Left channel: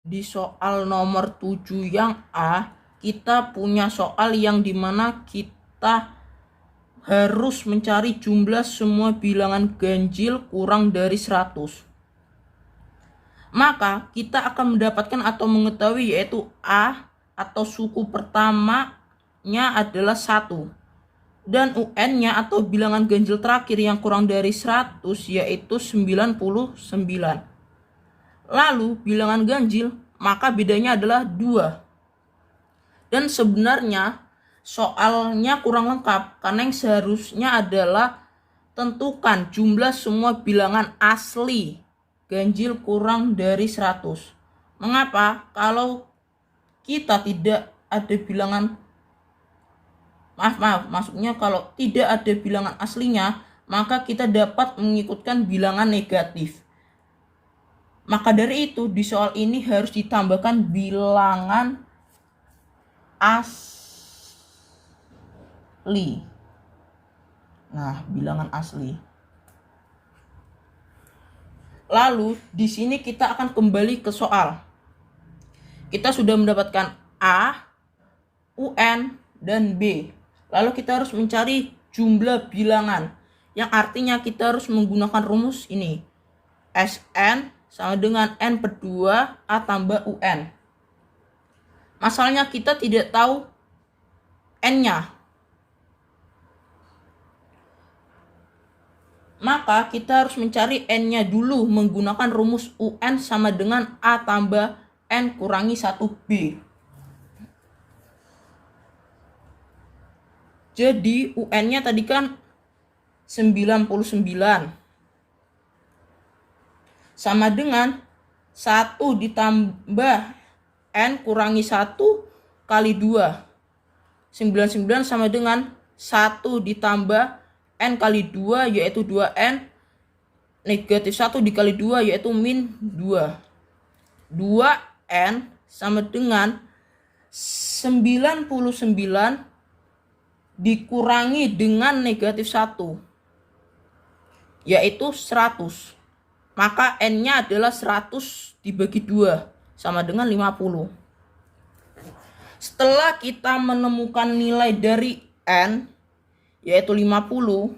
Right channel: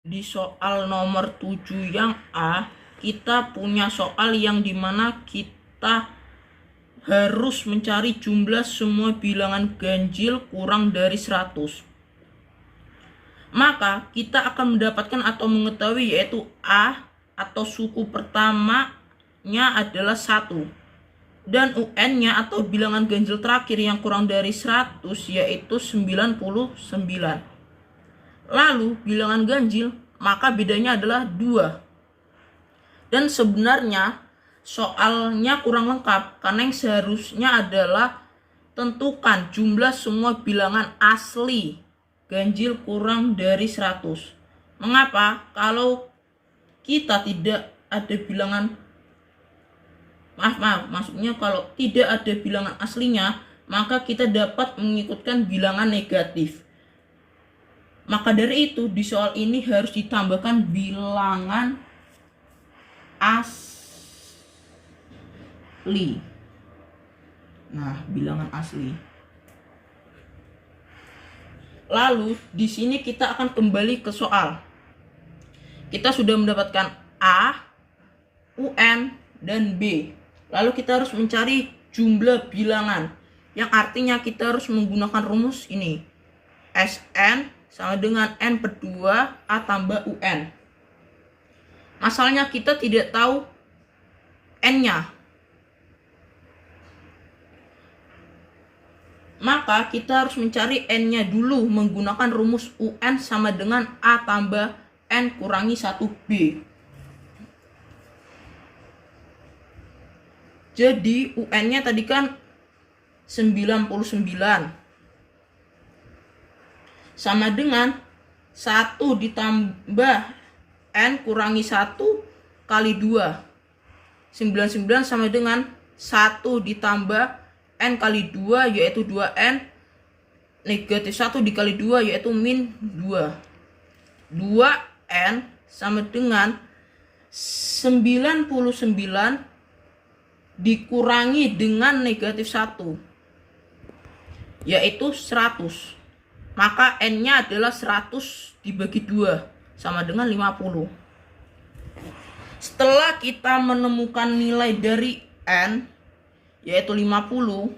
Di soal nomor 7 yang A, kita punya soal yang dimana kita harus mencari jumlah semua bilangan ganjil kurang dari 100. Maka kita akan mendapatkan atau mengetahui yaitu A atau suku pertamanya adalah 1. Dan UN-nya atau bilangan ganjil terakhir yang kurang dari 100 yaitu 99. Lalu bilangan ganjil maka bedanya adalah 2. Dan sebenarnya soalnya kurang lengkap karena yang seharusnya adalah tentukan jumlah semua bilangan asli ganjil kurang dari 100. Mengapa? Kalau kita tidak ada bilangan maksudnya kalau tidak ada bilangan aslinya, maka kita dapat mengikutkan bilangan negatif. Maka dari itu di soal ini harus ditambahkan bilangan asli. Nah, bilangan asli. Lalu di sini kita akan kembali ke soal. Kita sudah mendapatkan A, UN, dan B. Lalu kita harus mencari jumlah bilangan, yang artinya kita harus menggunakan rumus ini. Sn sama dengan N per 2 A tambah UN. Masalahnya kita tidak tahu N-nya. Maka kita harus mencari N-nya dulu menggunakan rumus UN sama dengan A tambah N kurangi 1B. Jadi UN-nya tadi kan 99. Sama dengan 1 ditambah N kurangi 1 kali 2. 99 sama dengan 1 ditambah N kali 2 yaitu 2N. Negatif 1 dikali 2 yaitu min 2. 2N sama dengan 99 dikurangi dengan negatif 1 yaitu 100. Maka N-nya adalah 100 dibagi 2 sama dengan 50. Setelah kita menemukan nilai dari N yaitu 50,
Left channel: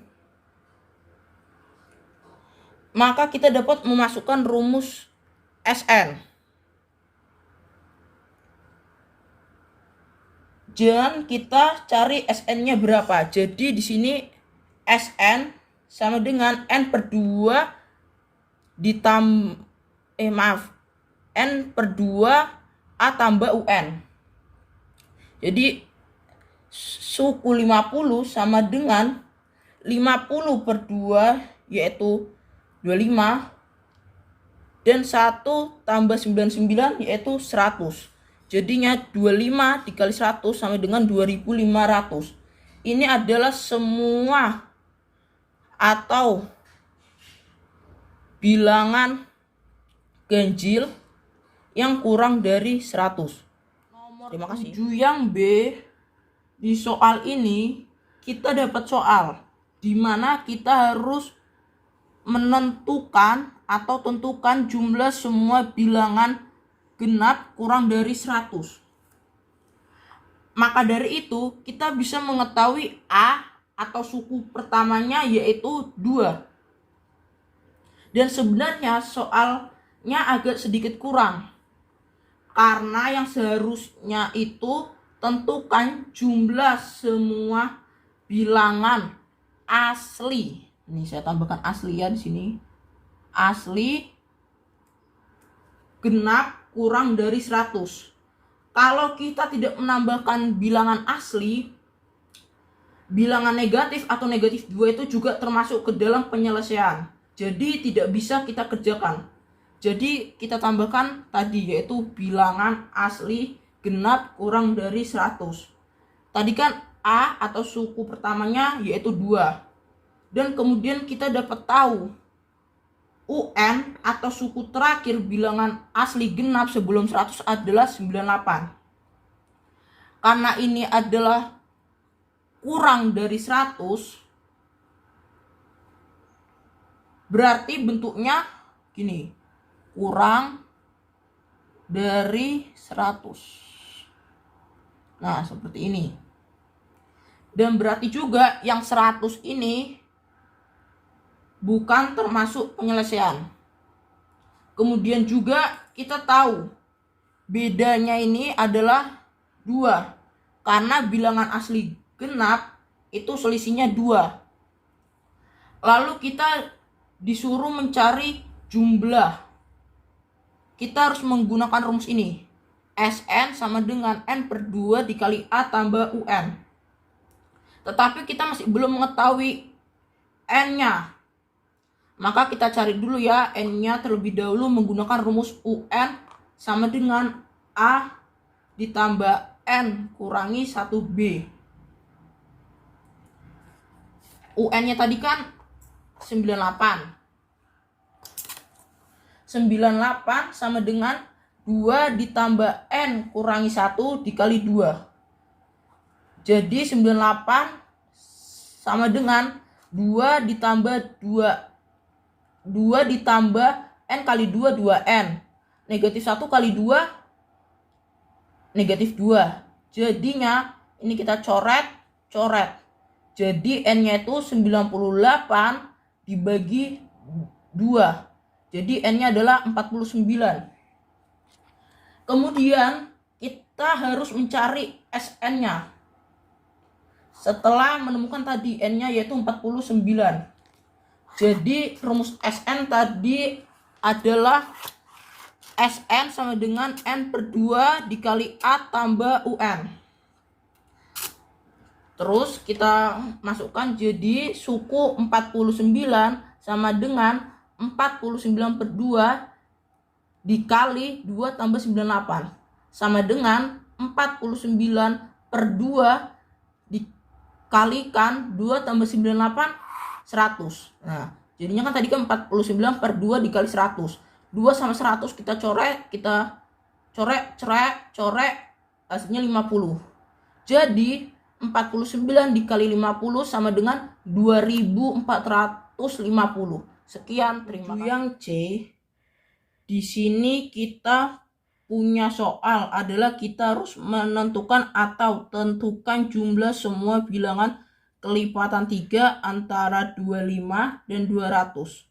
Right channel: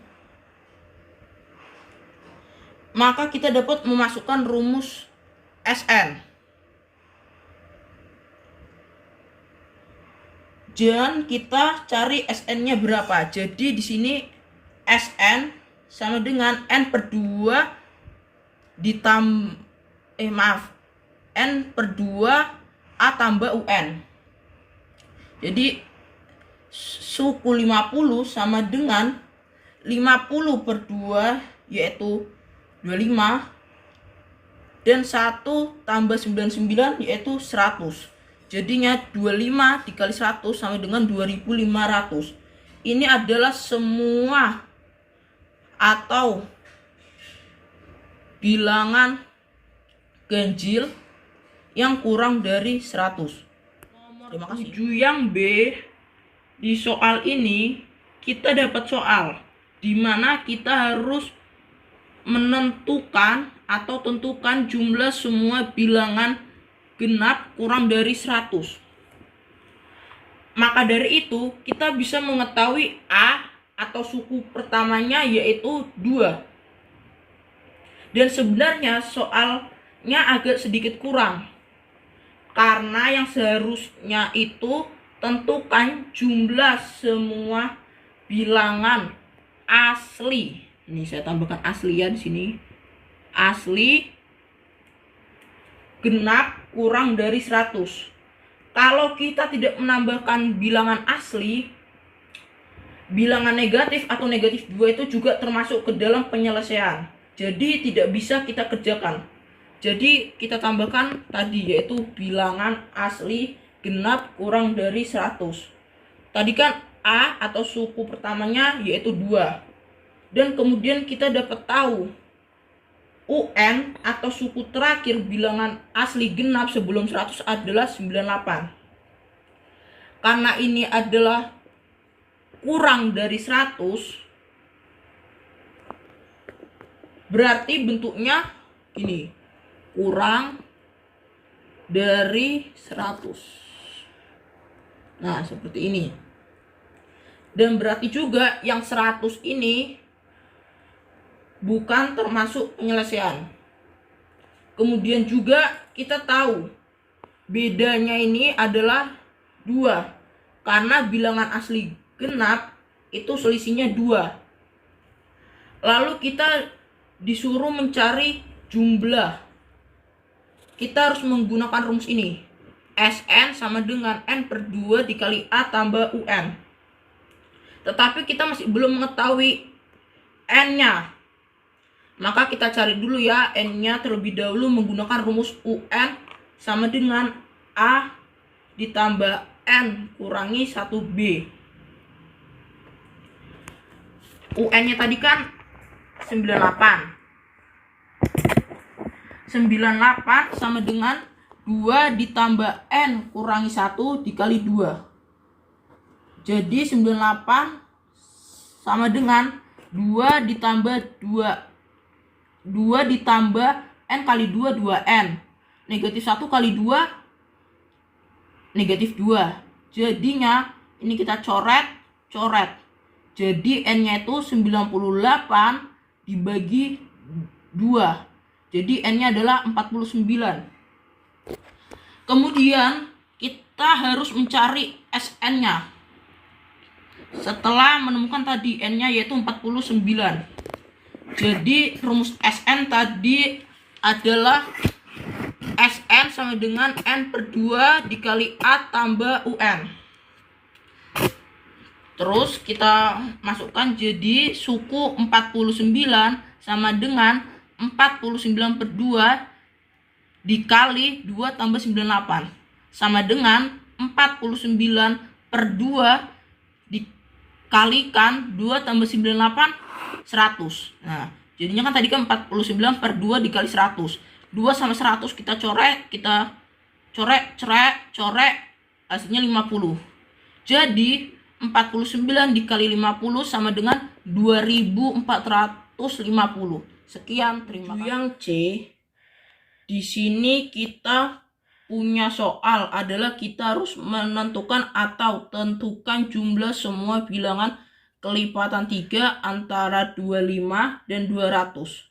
maka kita dapat memasukkan rumus Sn. Dan kita cari Sn-nya berapa. Jadi di sini Sn sama dengan N per 2 N per 2 A tambah UN. Jadi suku 50 sama dengan 50 per 2 yaitu 25. Dan 1 tambah 99 yaitu 100. Jadinya 25 dikali 100 sama dengan 2500. Ini adalah semua atau bilangan ganjil yang kurang dari 100. Terima kasih. 7 yang B, di soal ini kita dapat soal di mana kita harus menentukan atau tentukan jumlah semua bilangan genap kurang dari 100. Maka dari itu kita bisa mengetahui A atau suku pertamanya yaitu 2. Dan sebenarnya soalnya agak sedikit kurang. Karena yang seharusnya itu tentukan jumlah semua bilangan asli. Ini saya tambahkan asli ya di sini. Asli genap kurang dari 100. Kalau kita tidak menambahkan bilangan asli, bilangan negatif atau negatif 2 itu juga termasuk ke dalam penyelesaian. Jadi tidak bisa kita kerjakan. Jadi kita tambahkan tadi yaitu bilangan asli genap kurang dari 100. Tadi kan A atau suku pertamanya yaitu 2. Dan kemudian kita dapat tahu UN atau suku terakhir bilangan asli genap sebelum 100 adalah 98. Karena ini adalah kurang dari 100, berarti bentuknya gini, kurang dari 100. Nah, seperti ini. Dan berarti juga yang 100 ini bukan termasuk penyelesaian. Kemudian juga kita tahu bedanya ini adalah 2. Karena bilangan asli genap itu selisihnya 2. Lalu kita disuruh mencari jumlah. Kita harus menggunakan rumus ini. Sn sama dengan N per 2 dikali A tambah UN. Tetapi kita masih belum mengetahui N-nya. Maka kita cari dulu ya N-nya terlebih dahulu menggunakan rumus UN sama dengan A ditambah N kurangi 1B. UN-nya tadi kan 98. 98 sama dengan 2 ditambah N kurangi 1 dikali 2. Jadi 98 sama dengan 2 ditambah 2 ditambah N kali 2, 2N. Negatif 1 kali 2, negatif 2. Jadinya ini kita coret. Jadi N-nya itu 98 dibagi 2. Jadi N-nya adalah 49. Kemudian kita harus mencari Sn-nya. Setelah menemukan tadi N-nya yaitu 49. Jadi rumus Sn tadi adalah Sn sama dengan N per 2 dikali A tambah UN. Terus kita masukkan jadi suku 49 sama dengan 49 per 2 dikali 2 tambah 98 sama dengan 49 per 2 dikalikan 2 tambah 98 100. Nah, jadinya kan tadi kan 49 per 2 dikali 100. 2 sama 100 kita coret, hasilnya 50. Jadi 49 dikali 50 sama dengan 2450. Sekian, terima kasih. Yang C. Di sini kita punya soal adalah kita harus menentukan atau tentukan jumlah semua bilangan kelipatan 3 antara 25 dan 200.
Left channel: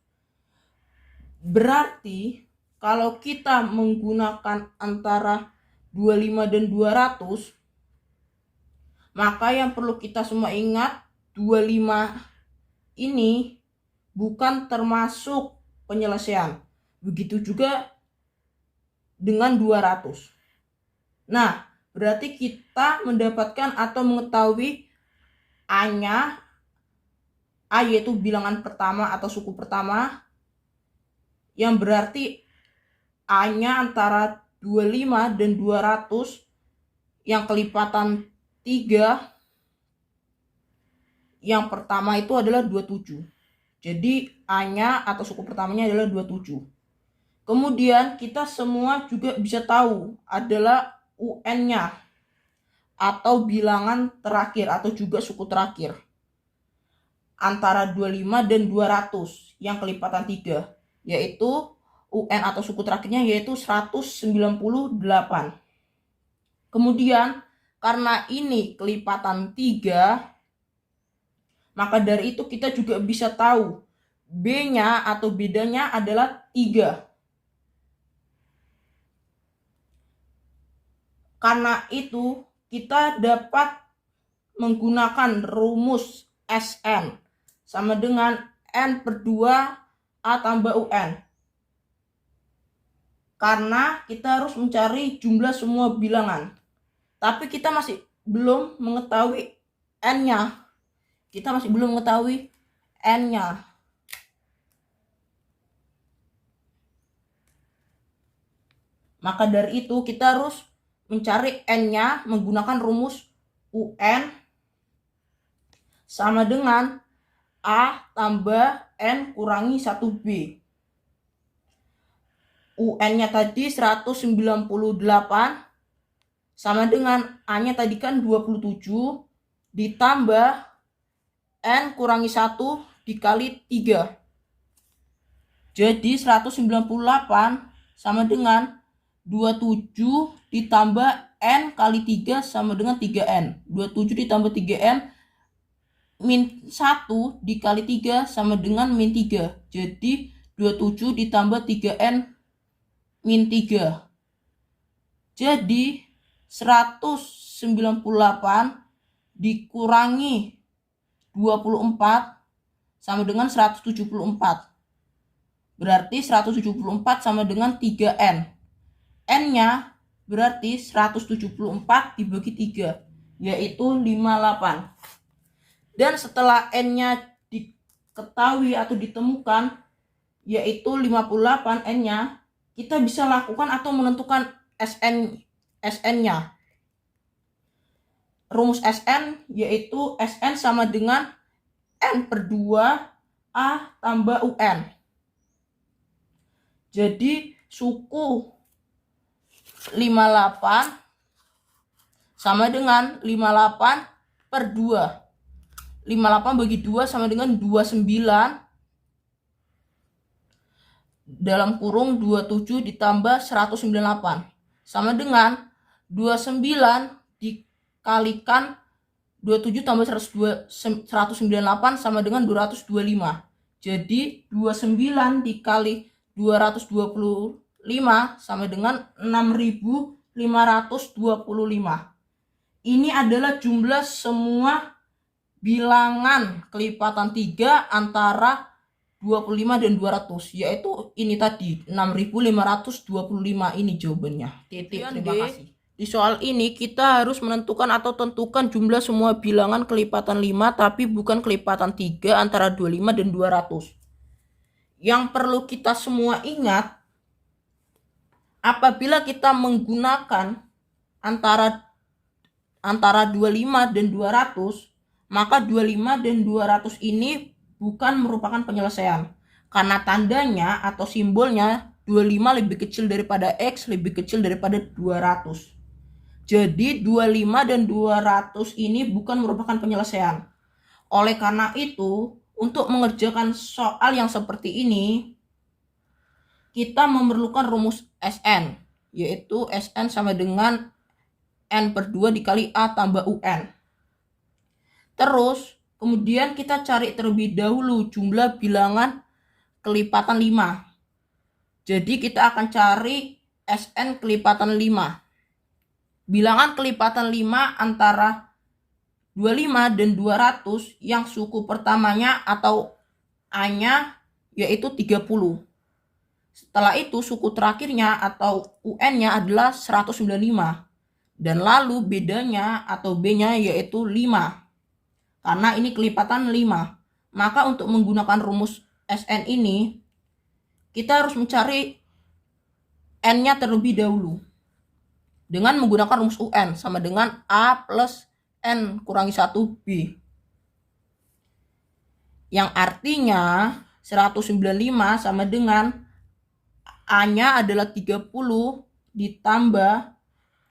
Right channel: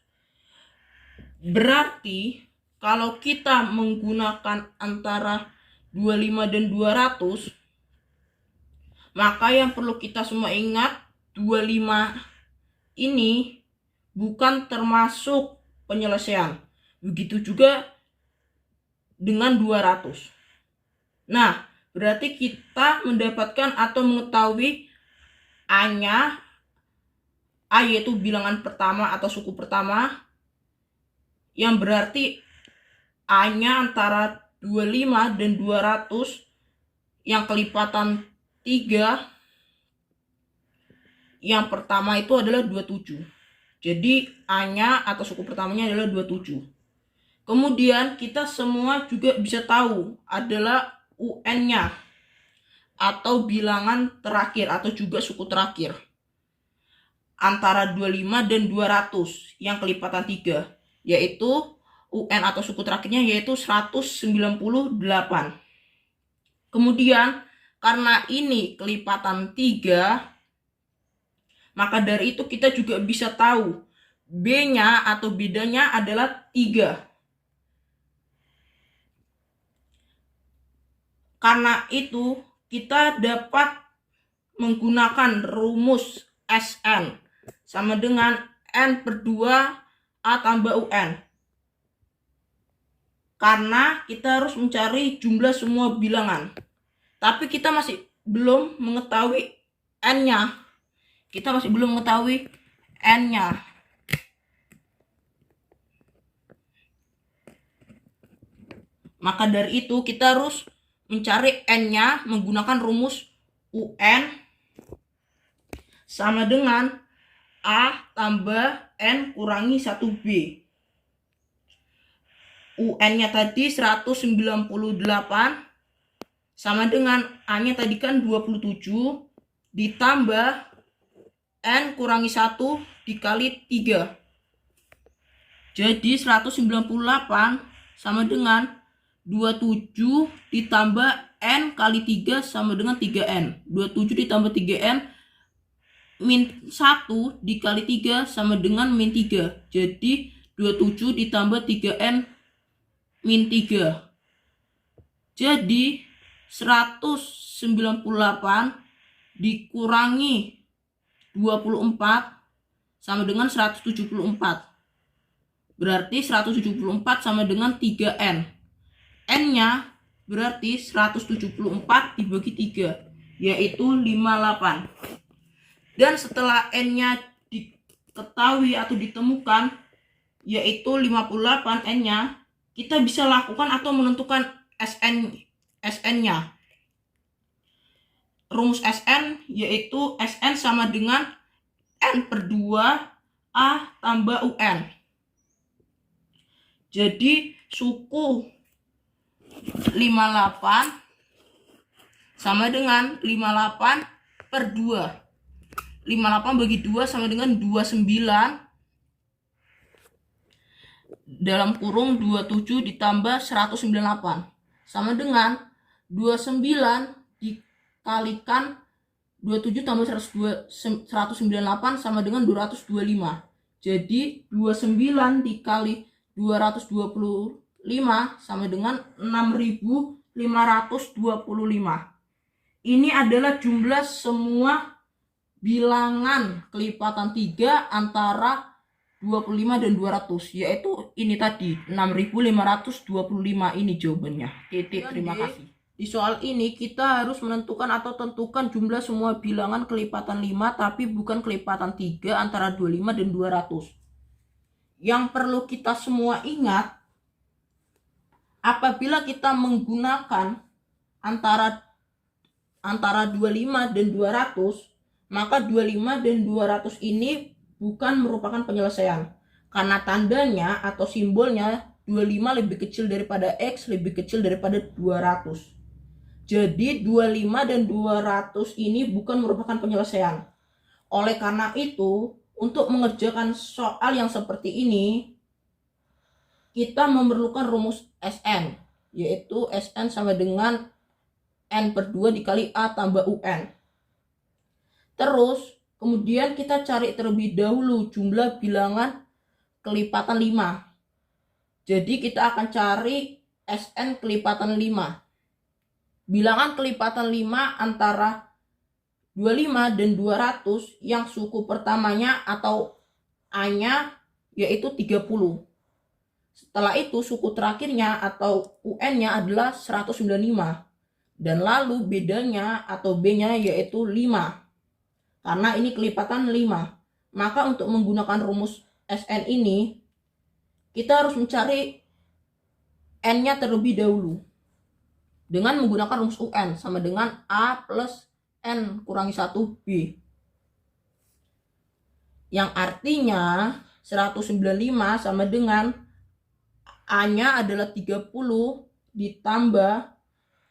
Berarti kalau kita menggunakan antara 25 dan 200, maka yang perlu kita semua ingat 25 ini bukan termasuk penyelesaian. Begitu juga dengan 200. Nah, berarti kita mendapatkan atau mengetahui A-nya, A yaitu bilangan pertama atau suku pertama, yang berarti A-nya antara 25 dan 200 yang kelipatan 3 yang pertama itu adalah 27. Jadi A-nya atau suku pertamanya adalah 27. Kemudian kita semua juga bisa tahu adalah UN-nya atau bilangan terakhir atau juga suku terakhir antara 25 dan 200 yang kelipatan 3, yaitu UN atau suku terakhirnya yaitu 198. Kemudian karena ini kelipatan 3, maka dari itu kita juga bisa tahu B-nya atau bedanya adalah 3. Karena itu kita dapat menggunakan rumus Sn sama dengan N per 2 A tambah UN. Karena kita harus mencari jumlah semua bilangan. Tapi kita masih belum mengetahui N-nya. Maka dari itu kita harus mencari N-nya menggunakan rumus UN sama dengan A tambah N kurangi 1B. UN-nya tadi 198 sama dengan A-nya tadi kan 27 ditambah N kurangi 1 dikali 3. Jadi 198 sama dengan 27 ditambah N kali 3 sama dengan 3N. 27 ditambah 3N min 1 dikali 3 sama dengan min 3. Jadi 27 ditambah 3N min 3. Jadi 198 dikurangi 24 sama dengan 174. Berarti 174 sama dengan 3N. N-nya berarti 174 dibagi 3, yaitu 58. Dan setelah N-nya diketahui atau ditemukan, yaitu 58 N-nya, kita bisa lakukan atau menentukan SN-nya. Rumus SN yaitu SN sama dengan N per 2 A tambah UN. Jadi suku 58 sama dengan 58 per 2. 58 bagi 2 sama dengan 29 dalam kurung 27 ditambah 198 sama dengan 29 dikalikan 27 tambah 198 sama dengan 225. Jadi 29 dikali 225 sama dengan 6525. Ini adalah jumlah semua bilangan kelipatan 3 antara 25 dan 200, yaitu ini tadi 6525. Ini jawabannya. Titik. Terima kasih. Di soal ini kita harus menentukan atau tentukan jumlah semua bilangan kelipatan 5 tapi bukan kelipatan 3 antara 25 dan 200. Yang perlu kita semua ingat, apabila kita menggunakan antara 25 dan 200, maka 25 dan 200 ini bukan merupakan penyelesaian. Karena tandanya atau simbolnya 25 lebih kecil daripada X, lebih kecil daripada 200. Jadi 25 dan 200 ini bukan merupakan penyelesaian. Oleh karena itu, untuk mengerjakan soal yang seperti ini, kita memerlukan rumus SN, yaitu SN sama dengan N per 2 dikali A tambah UN. Terus, kemudian kita cari terlebih dahulu jumlah bilangan kelipatan 5. Jadi kita akan cari SN kelipatan 5. Bilangan kelipatan 5 antara 25 dan 200 yang suku pertamanya atau A-nya yaitu 30. Setelah itu suku terakhirnya atau UN-nya adalah 195. Dan lalu bedanya atau B-nya yaitu 5. Karena ini kelipatan 5. Maka untuk menggunakan rumus SN ini, kita harus mencari N-nya terlebih dahulu. Dengan menggunakan rumus UN sama dengan A plus N kurangi 1B. Yang artinya 195 sama dengan A-nya adalah 30 ditambah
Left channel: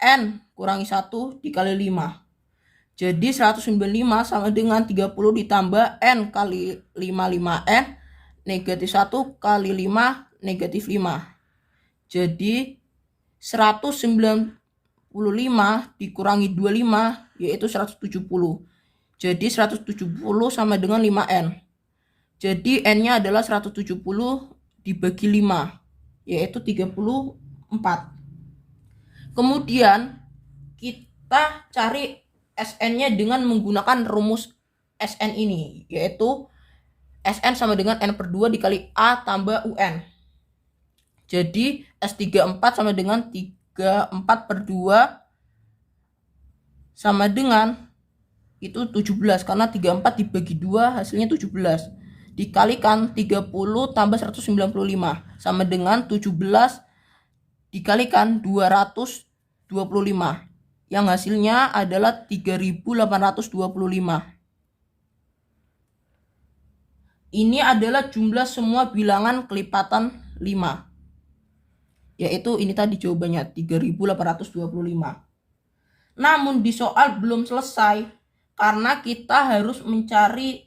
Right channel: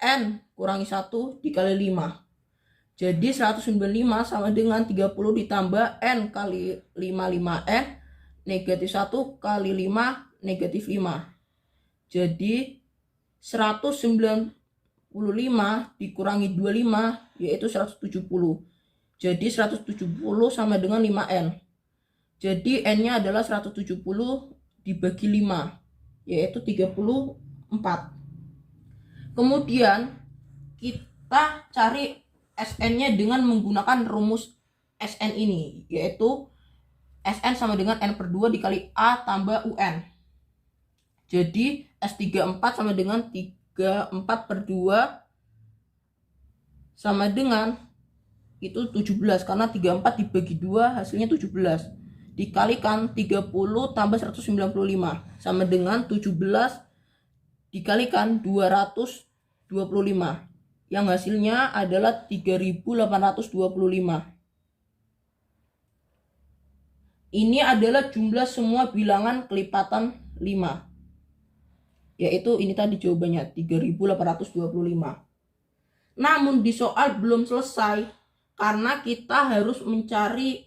N kurangi 1 dikali 5. Jadi 195 sama dengan 30 ditambah N kali 5N negatif 1 kali 5 negatif 5. Jadi 195 dikurangi 25 yaitu 170. Jadi 170 sama dengan 5N. Jadi N-nya adalah 170 dibagi 5 yaitu 34. Kemudian kita cari SN-nya dengan menggunakan rumus SN ini, yaitu SN sama dengan N per 2 dikali A tambah UN. Jadi S34 sama dengan 34 per 2 sama dengan itu 17, karena 34 dibagi 2 hasilnya 17. Dikalikan 30 tambah 195 sama dengan 17 dikalikan 225 yang hasilnya adalah 3825. Ini adalah jumlah semua bilangan kelipatan 5, yaitu ini tadi jawabannya 3825. Namun di soal belum selesai karena kita harus mencari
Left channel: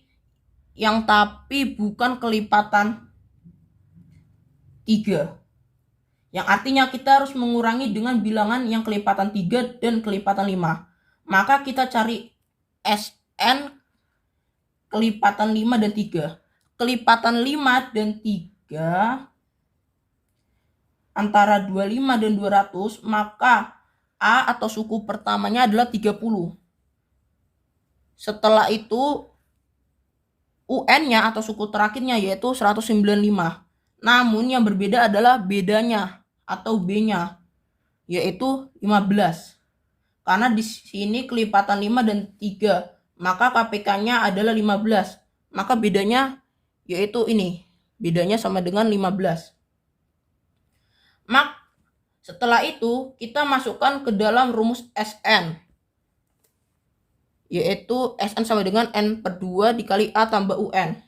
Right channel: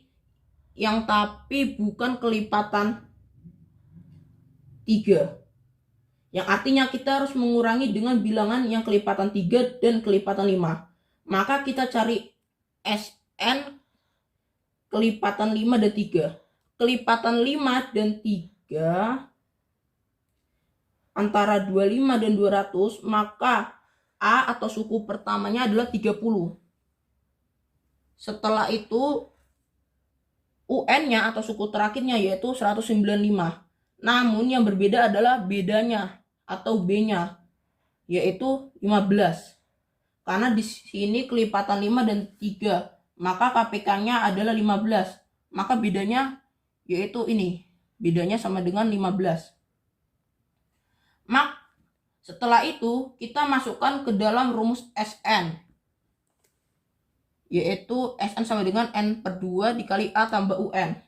yang tapi bukan kelipatan 3, Yang artinya kita harus mengurangi dengan bilangan yang kelipatan 3 dan kelipatan 5. Maka kita cari Sn kelipatan 5 dan 3. Kelipatan 5 dan 3 antara 25 dan 200, maka A atau suku pertamanya adalah 30. Setelah itu UN-nya atau suku terakhirnya yaitu 195. Namun yang berbeda adalah bedanya atau B-nya yaitu 15. Karena di sini kelipatan 5 dan 3, maka KPK-nya adalah 15. Maka bedanya yaitu ini. Bedanya sama dengan 15. Setelah itu kita masukkan ke dalam rumus Sn, yaitu Sn sama dengan N per 2 dikali A tambah UN.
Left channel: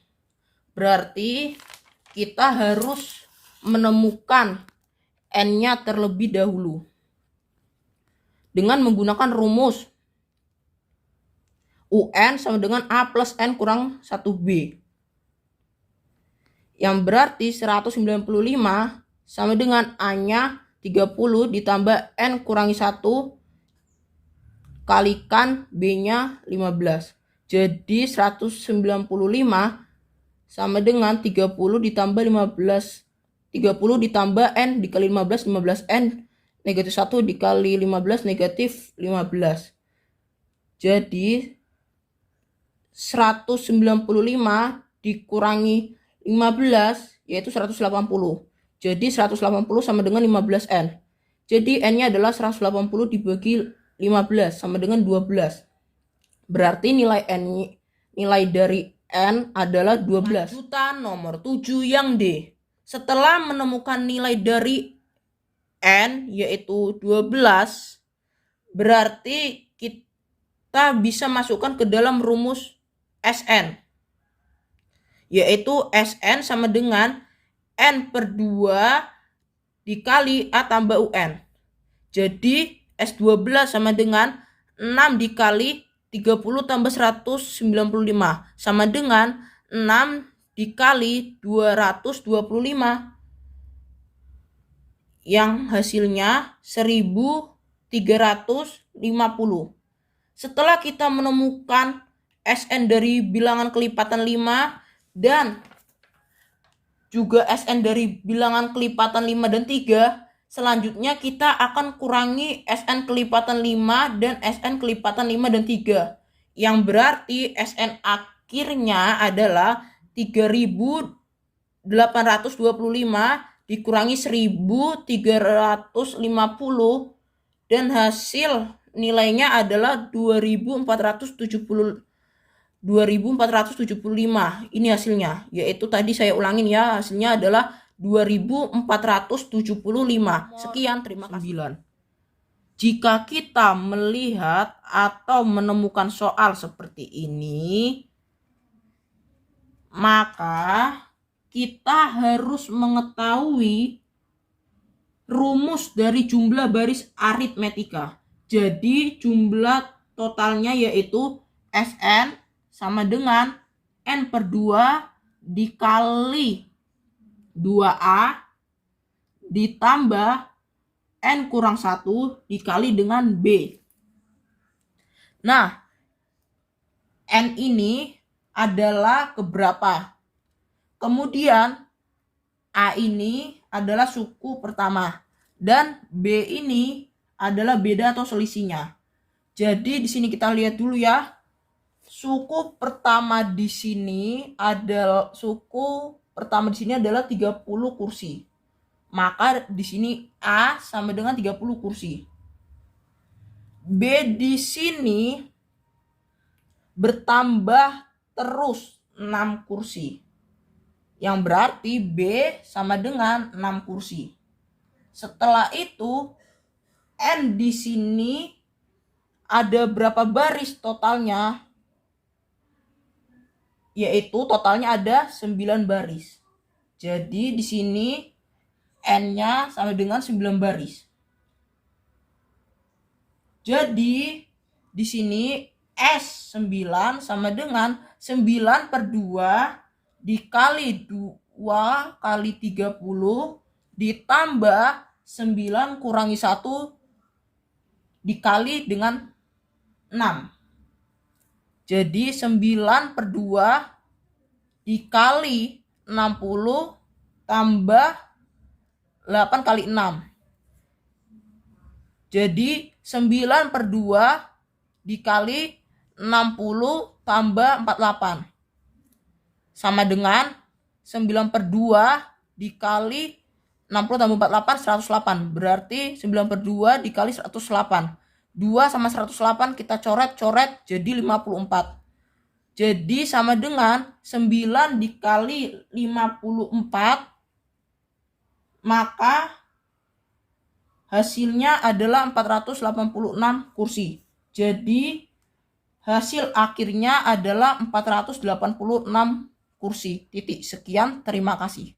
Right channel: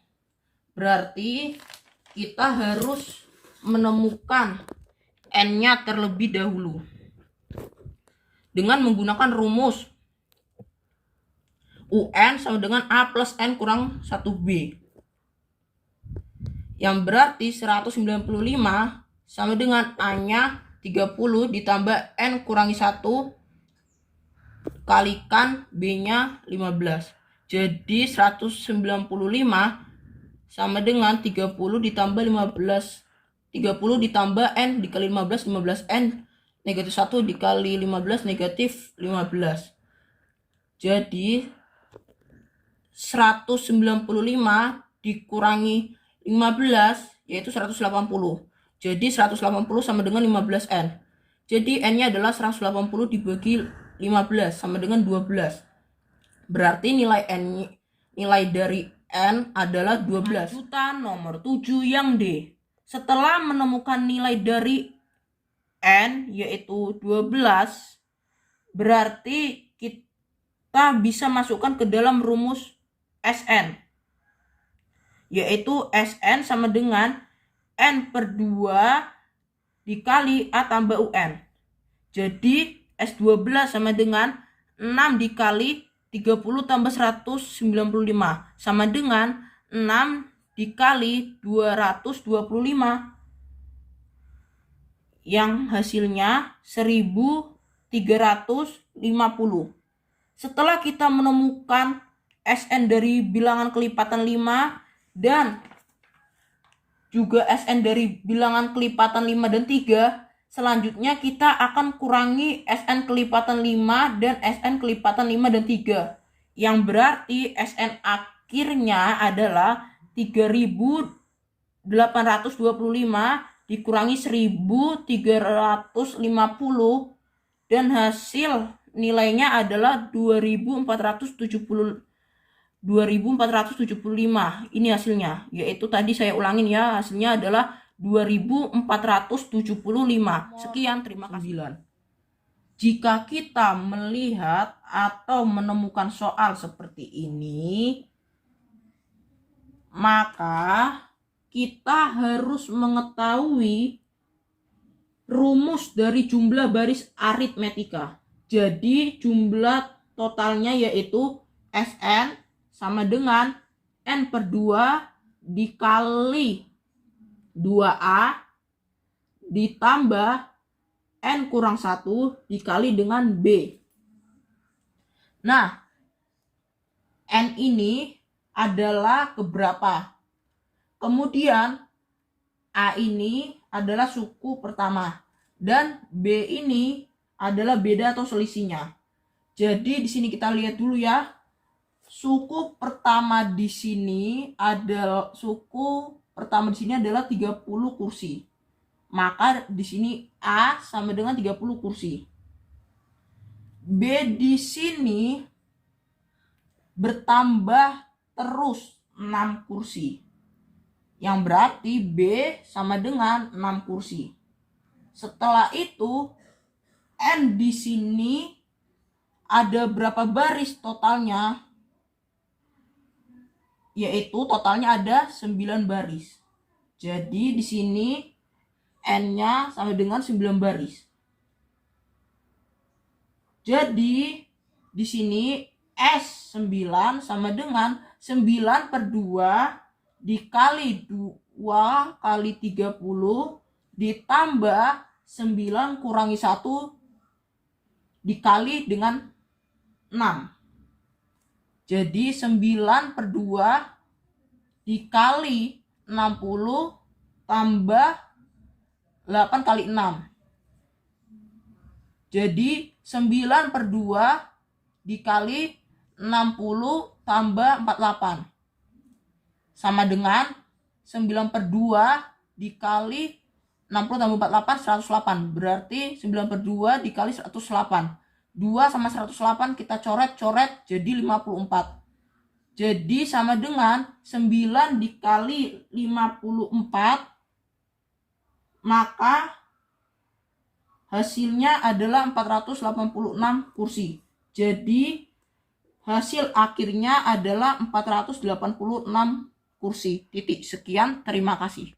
Berarti kita harus menemukan N-nya terlebih dahulu dengan menggunakan rumus UN sama dengan A plus N kurang 1B, yang berarti 195 sama dengan A-nya 30 ditambah N kurangi 1 kalikan B-nya 15. Jadi 195 sama dengan 30 ditambah 15. 30 ditambah N dikali 15, 15N negatif 1 dikali 15 negatif 15. Jadi 195 dikurangi 15 yaitu 180. Jadi 180 sama dengan 15N. Jadi N-nya adalah 180 dibagi 15 sama dengan 12. Berarti nilai dari N adalah 12. Lanjutan nomor 7 yang D. Setelah menemukan nilai dari N yaitu 12, berarti kita bisa masukkan ke dalam rumus Sn, yaitu Sn sama dengan N per 2 dikali A tambah UN. Jadi S12 sama dengan 6 dikali 30 tambah 195 sama dengan 6 dikali 225 yang hasilnya 1350. Setelah kita menemukan Sn dari bilangan kelipatan 5 dan juga Sn dari bilangan kelipatan 5 dan 3, selanjutnya kita akan kurangi Sn kelipatan 5 dan Sn kelipatan 5 dan 3, yang berarti Sn akhirnya adalah 3825 dikurangi 1350 dan hasil nilainya adalah 2475. Ini hasilnya, yaitu tadi saya ulangin ya, hasilnya adalah 2475. Sekian, terima kasih. Jika kita melihat atau menemukan soal seperti ini, maka kita harus mengetahui rumus dari jumlah baris aritmetika. Jadi jumlah totalnya yaitu Sn sama dengan N per 2 dikali 2A ditambah N kurang 1 dikali dengan B. Nah, N ini adalah keberapa? Kemudian A ini adalah suku pertama dan B ini adalah beda atau selisihnya. Jadi di sini kita lihat dulu ya. Suku pertama di sini adalah 30 kursi. Maka di sini A sama dengan 30 kursi. B di sini bertambah terus 6 kursi. Yang berarti B sama dengan 6 kursi. Setelah itu N di sini ada berapa baris totalnya? Yaitu totalnya ada 9 baris. Jadi di sini N-nya sama dengan 9 baris. Jadi di sini S9 sama dengan 9 per 2 dikali 2 kali 30 ditambah 9 kurangi 1 dikali dengan 6. Jadi 9 per 2 dikali 60 tambah 8 kali 6. Jadi 9 per 2 dikali 60 tambah 48. Sama dengan 9 per 2 dikali 60 tambah 48, 108. Berarti 9 per 2 dikali 108. 2 sama 108 kita coret-coret jadi 54. Jadi sama dengan 9 dikali 54, maka hasilnya adalah 486 kursi. Jadi hasil akhirnya adalah 486 kursi. Titik. Sekian, terima kasih.